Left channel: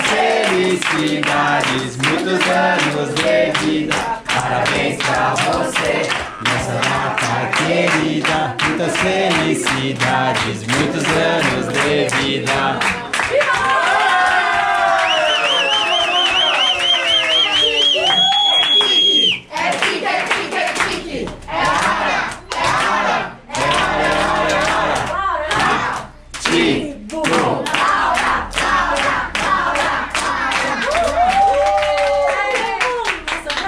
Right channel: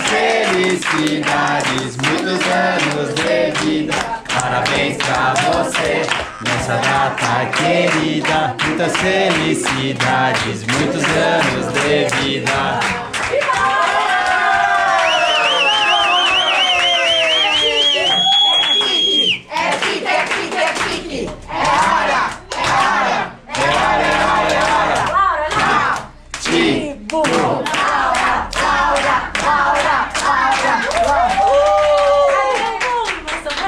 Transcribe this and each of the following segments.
muitas felicidades, muitos anos de vida. Parabéns pra você nessa data querida. Muitas felicidades, muitos anos de vida.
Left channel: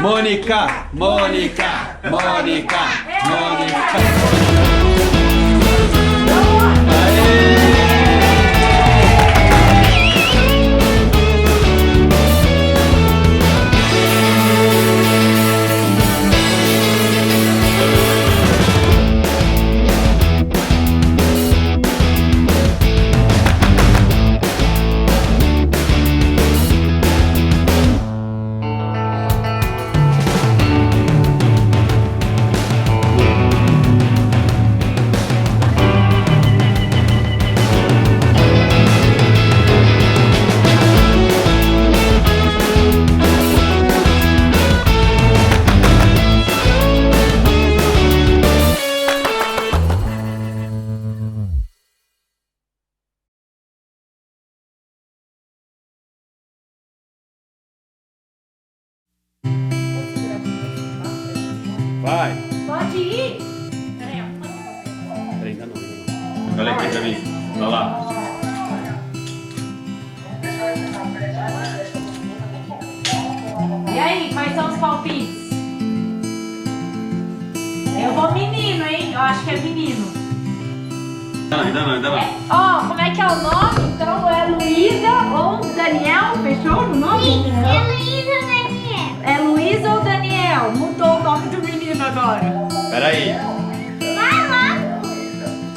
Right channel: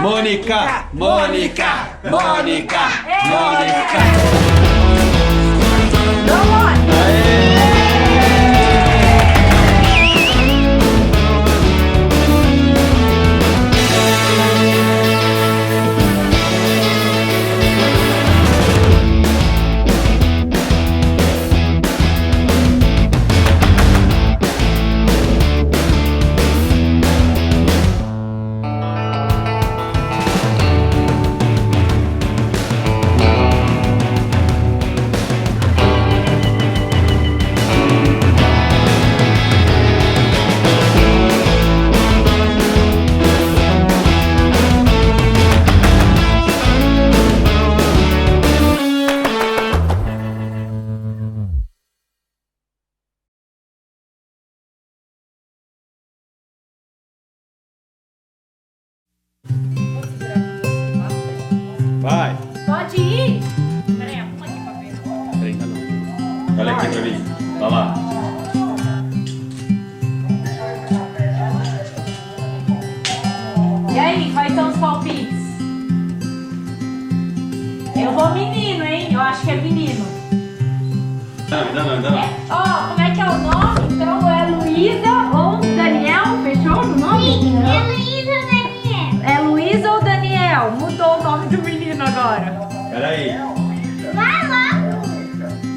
Mônica, Mônica, Mônica, Mônica. Aê! Vai! Pode ir! Peraí, arruma aqui pra ver. Peraí, ainda não. Olha aqui pra mim. Vai lá. E aí, quais são os palpites? Eu vou menino, hein? Eu acho que é menino. Ainda não. Ó, como é que é o nome? Então é Luísa ou Daniel? Fechou o nome? Sim, é Luísa ou Daniel. É Luísa ou Daniel? Mudou o nome do menino agora. Peraí. Vai lá.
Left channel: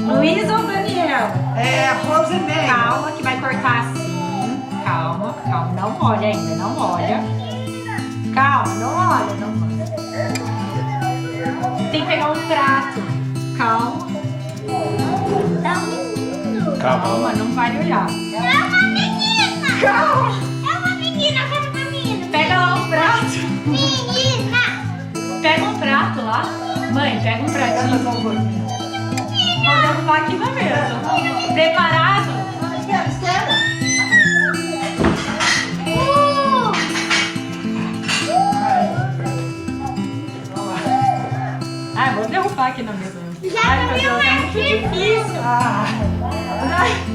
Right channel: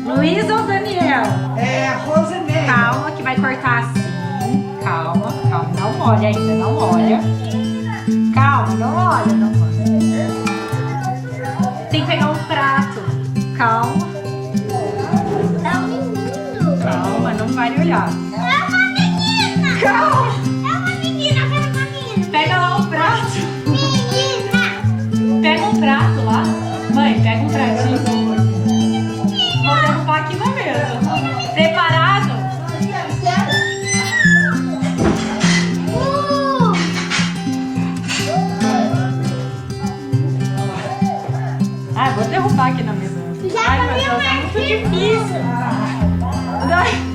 Luísa ou Daniel? É, Rosemary. Calma que vai cortar assim. Calma. Não molha ainda, não molha. Calma, não molha. Tem que pegar um prato. Calma. Tá um menino. Calma, não vai olhar. É uma menina. Calma. É uma menina, eu quero uma menina. Pega lá um prato. Menina. Pega um prato lá. Mãe, pega um pratinho. Vou derrubar aqui na mesa. Preparado? Vou derrubar aqui na mesa. Ai, meu Deus, é muito difícil. Ai.